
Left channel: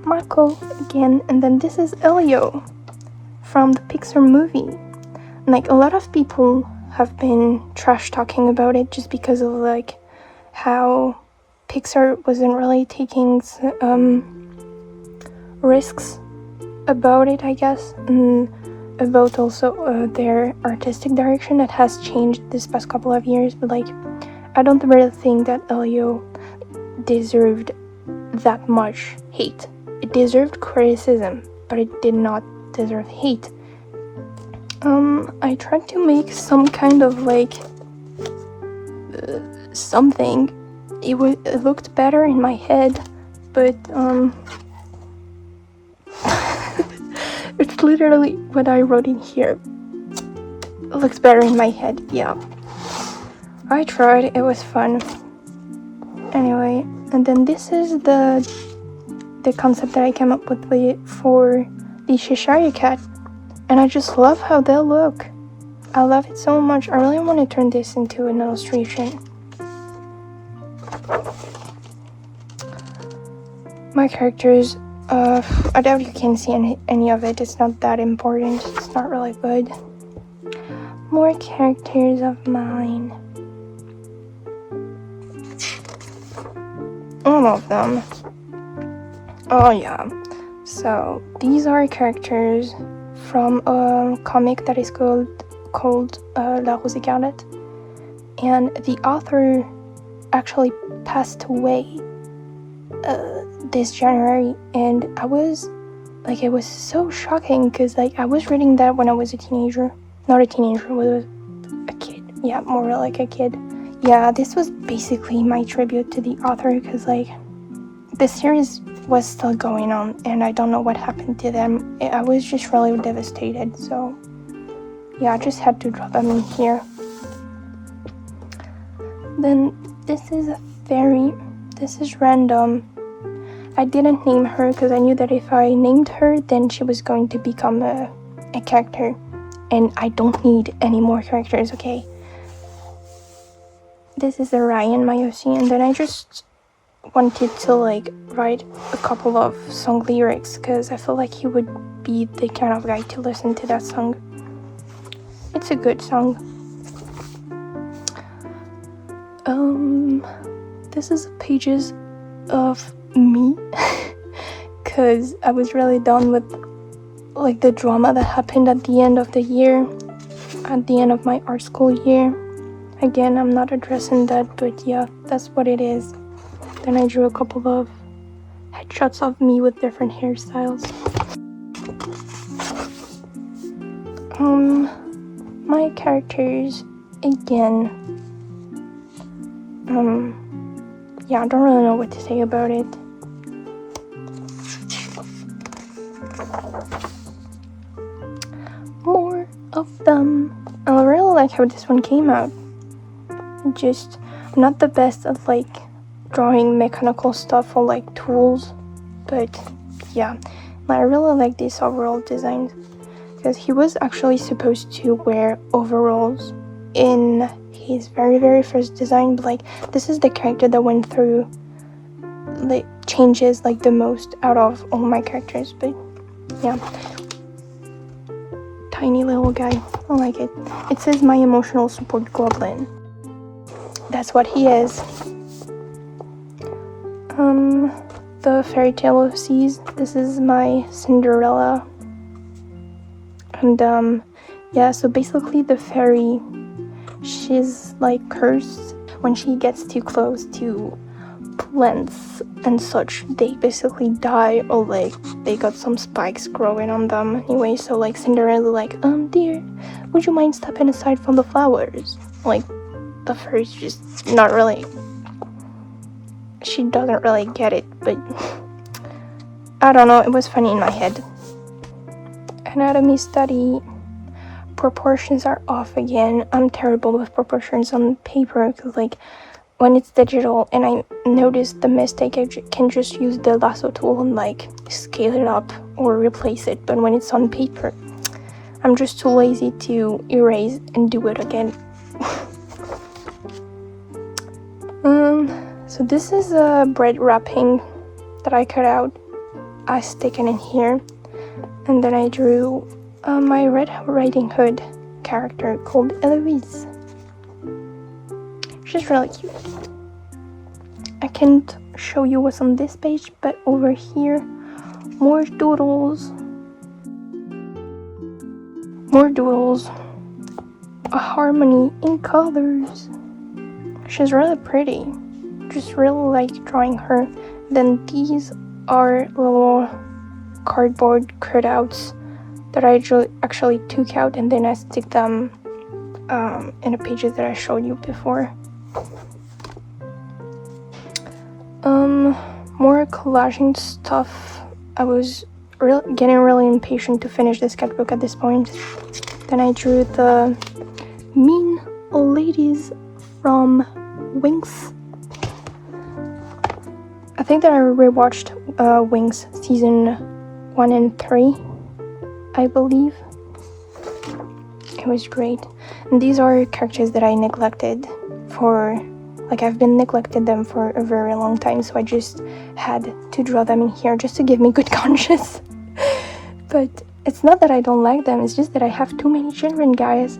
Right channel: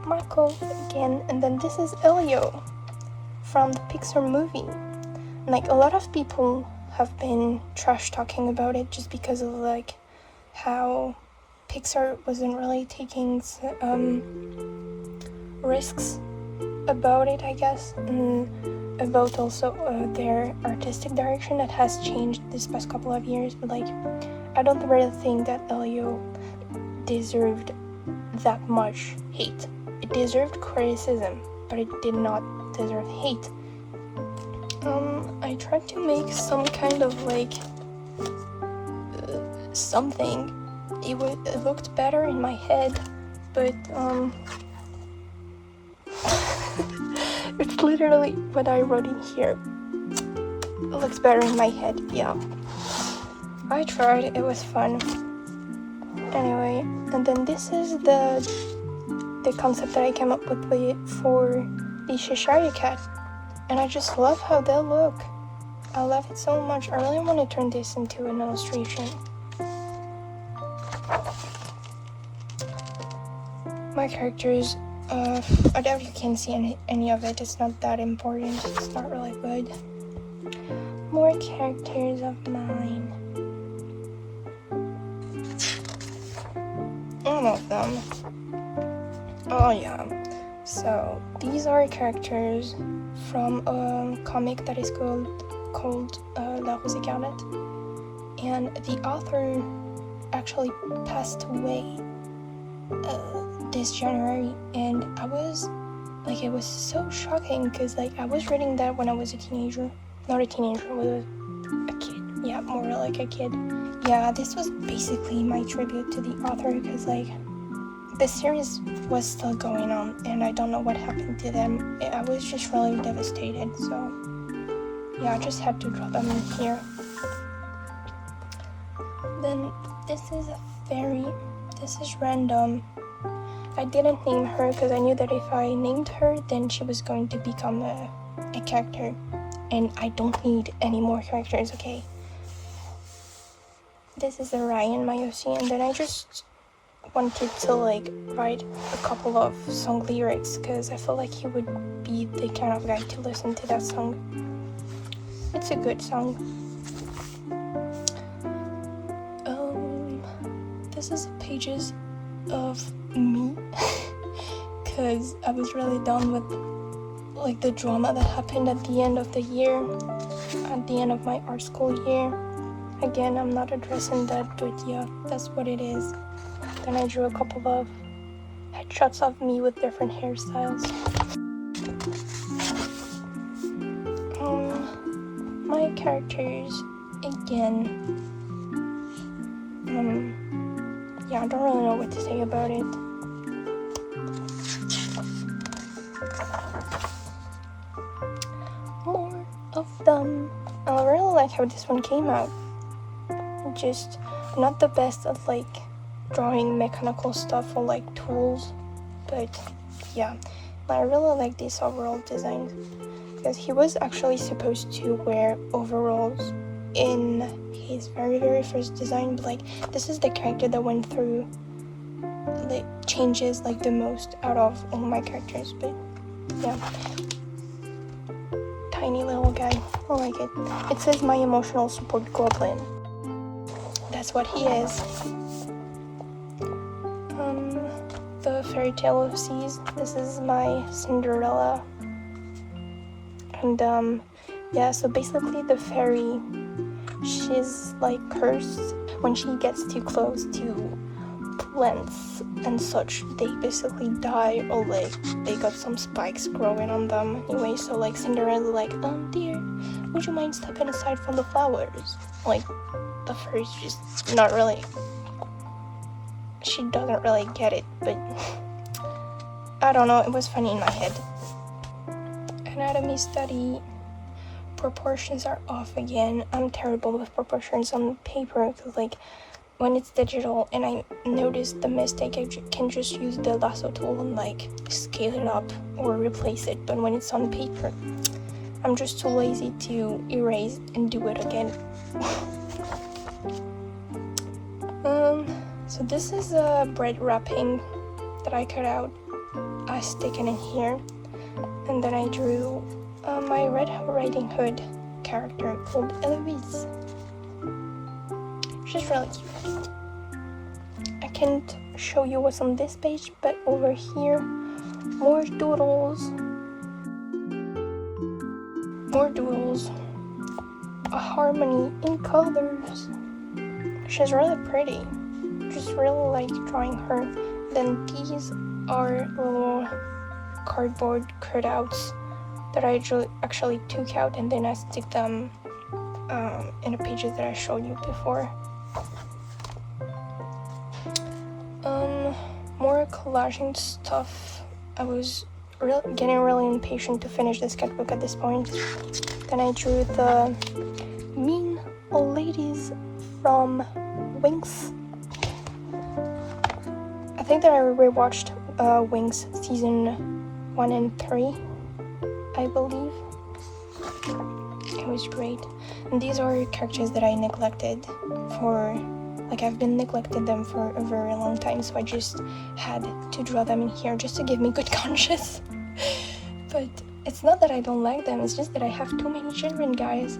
Mako again, and then this is Elio from the Pixar movie. And like, a lot of people have been trash talking about it just because of like how Pixar wasn't really taking risks about it, I guess, and about also their artistic direction that has changed this past couple of years. But like, I don't really think that Elio deserved that much hate. It deserved criticism, but it did not deserve hate. I tried to make some kind of like something. It looked better in my head, but it's literally what I wrote in here. It looks better in my head, yeah. I tried, it was fun. Anyway, and then this is the concept that I came up with for the Cheshire Cat, and I just love how they look. I love it so much. I really want to turn this into an illustration. My characters, I doubt you can see any of it. It's not that important. It's not really good. More characters of mine. All of them. Oh yeah. So these are characters from a comic that is called La Rose Écarlate, and the author actually passed away this January, and I was like, it was so shocking because like I was reading that when I was a teenager. Not a teenager, was a kid. Yeah, more like a kid. Yeah, this was basically my tribute to the author because like the series was still going on and I don't know what happened to them. I was just really devastated, so yeah, I just had to draw them in here. Then this is random. I didn't name her because I knew that if I named her, then she was going to become a character, and I don't need any more characters, okay? This is Ryan Mayosi, and then I just wanted to like write a couple of song lyrics because I feel like he would be the kind of guy to listen to that song. It's a good song. This is pages of me because I was really done with like the drama that happened at the end of the year, at the end of my art school year. Again, I'm not addressing that, but yeah, that's what it is. Then I drew a couple of headshots of me with different hairstyles. My characters, again, yeah, I don't really know what to say about it. More of them. I really like how this one came out. Just not the best at like drawing mechanical stuff or like tools, but yeah, I really like this overall design because he was actually supposed to wear overalls in his very first design, but like this is the character that went through the changes like the most out of all my characters. But yeah, tiny little guy, I like it. It says my emotional support goblin. That's what he is. The fairy tale of seas, this is my Cinderella. And yeah, so basically the fairy, she's like cursed. When she gets too close to plants and such, they basically die, or like they got some spikes growing on them anyway. So like Cinderella like, dear, would you mind stepping aside from the flowers? Like the fairy's just not really, she doesn't really get it, but I don't know, it was funny in my head. Anatomy study, proportions are off again. I'm terrible with proportions on paper because like when it's digital and I notice the mistake, I can just use the lasso tool and like scale it up or replace it. But when it's on paper, I'm just too lazy to erase and do it again. So this is a bread wrapping that I cut out. I stick it in here, and then I drew my Red Riding Hood character called Eloise. She's really cute. I can't show you what's on this page, but over here, more doodles, a harmony in colors. She's really pretty. Just really like drawing her. Then these are little cardboard cutouts that I actually took out, and then I stick them in the pages that I showed you before. More collaging stuff. I was getting really impatient to finish the sketchbook at this point. Then I drew the mean ladies from Wings. I think that I rewatched Wings season 1 and 3, I believe. It was great. And these are characters that I neglected for, like I've been neglecting them for a very long time, so I just had to draw them in here just to give me good conscience. But it's not that I don't like them, it's just that I have too many children, guys.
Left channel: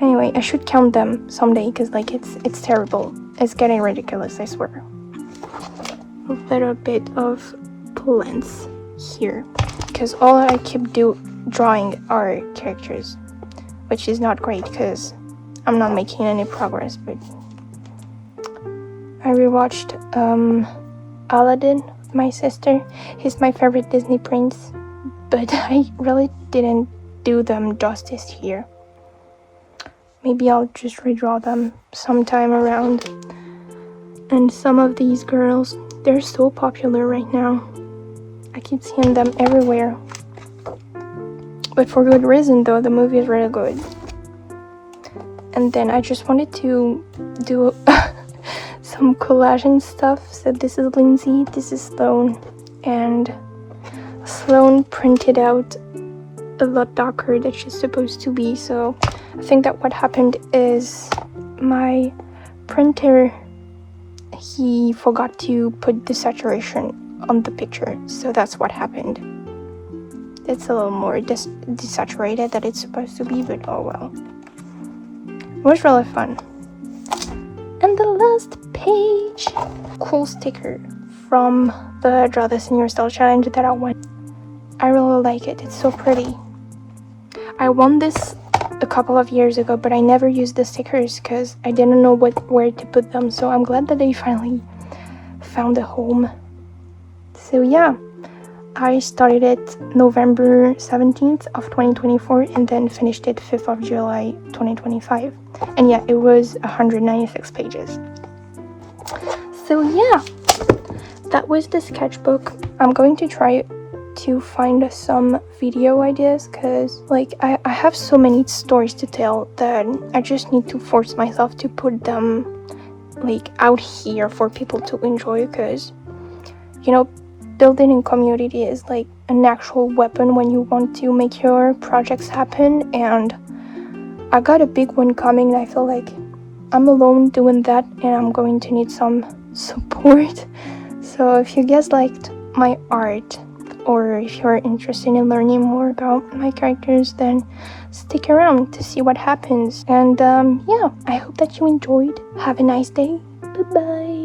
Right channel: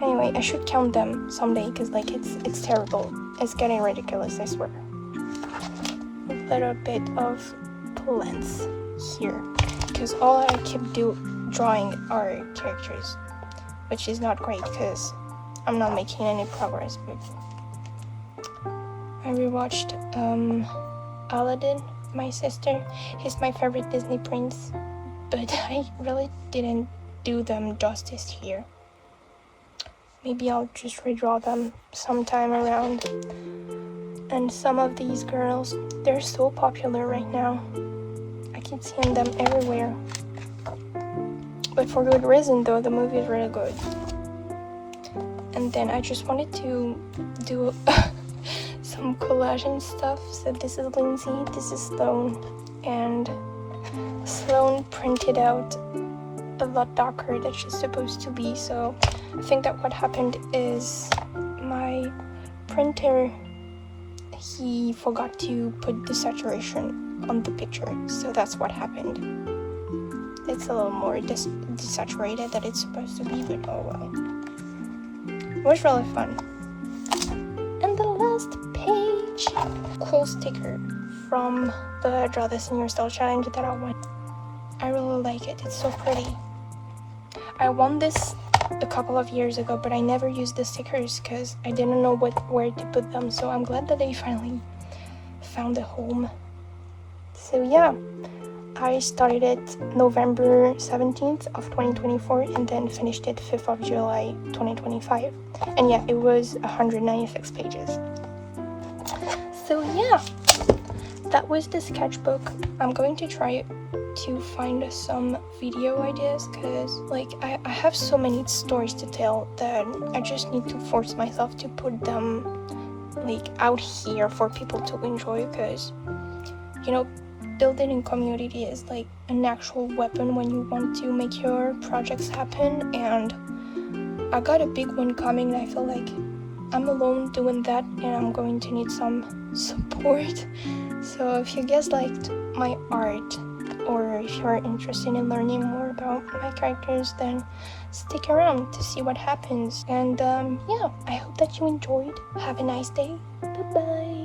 Anyway, I should count them someday because like it's terrible. It's getting ridiculous, I swear. A little bit of plants here because all I keep drawing are characters, which is not great because I'm not making any progress. But I rewatched Aladdin with my sister. He's my favorite Disney prince, but I really didn't do them justice here. Maybe I'll just redraw them sometime around. And some of these girls, they're so popular right now. I keep seeing them everywhere. But for good reason though, the movie is really good. And then I just wanted to do some collage and stuff. So this is Lindsay, this is Sloan, and Sloan printed out a lot darker than she's supposed to be. So I think that what happened is my printer, he forgot to put the saturation on the picture, so that's what happened. It's a little more desaturated than it's supposed to be, but oh well. It was really fun. And the last page, cool sticker from the Draw This in Your Style challenge that I won. I really like it, it's so pretty. I won this a couple of years ago, but I never used the stickers because I didn't know where to put them, so I'm glad that they finally found a home. So yeah, I started it November 17th of 2024 and then finished it 5th of July 2025. And yeah, it was 196 pages. So yeah, that was the sketchbook. I'm going to try to find some video ideas because like I have so many stories to tell that I just need to force myself to put them like out here for people to enjoy, because you know, building in community is like an actual weapon when you want to make your projects happen. And I got a big one coming and I feel like I'm alone doing that and I'm going to need some support. So if you guys liked my art, or if you're interested in learning more about my characters, then stick around to see what happens. And yeah, I hope that you enjoyed. Have a nice day. Bye bye.